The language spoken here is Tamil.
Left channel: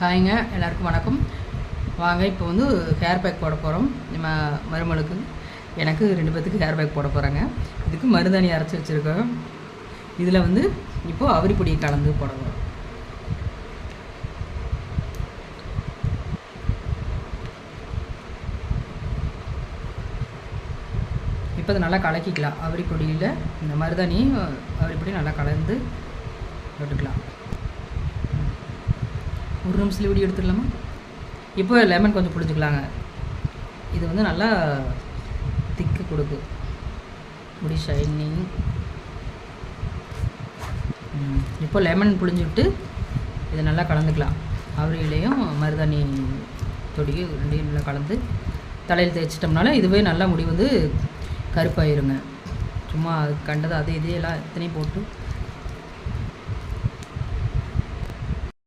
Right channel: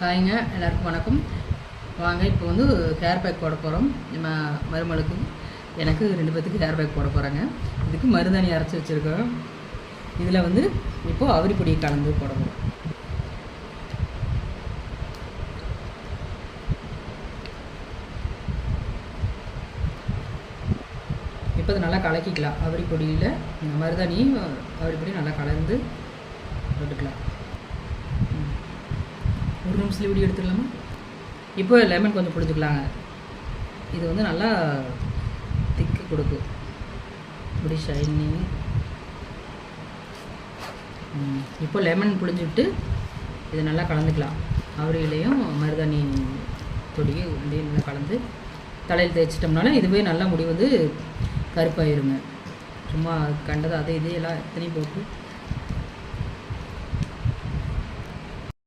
ஹாய்ங்க, எல்லாருக்கும் வணக்கம். வாங்க, இப்போ வந்து ஹேர் பேக் போட போகிறோம். நம்ம மருமகளுக்கு எனக்கு 2 பேத்துக்கு ஹேர் பேக் போட போகிறேங்க. இதுக்கு மருதாணி அரைச்சி வச்சுருக்கோம். இதில் வந்து இப்போது அவரிப்பொடியை கலந்து போடணும். இப்போ அதை நல்லா கலக்கிக்கலாம். அவரிப்பொடியில் இந்த மருதாணியும் அவரிப்பொடியும் நல்லா கலந்து போட்டுக்கலாம். ஒரு நிமிஷத்தில் வீடியோ எடுத்துக்கலாமா? இப்போ லெமன் கொஞ்சம் பிடிச்சிக்கலாங்க. இது வந்து நல்லா திக்கு கொடுக்கும், முடி ஷைனிங். இப்போ லெமன் பிழிஞ்சிவிட்டு இதை நல்லா கலந்துக்கலாம். அவரையிலையும் மருதாணி தொடி ரெண்டையும் நல்லா கலந்து தலையில் தேய்ச்சிட்டோம்னால இதுவே நல்லா முடி வந்து கருப்பாயிருங்க. சும்மா கண்டது அதே இதையெல்லாம் எத்தனையும் போட்டு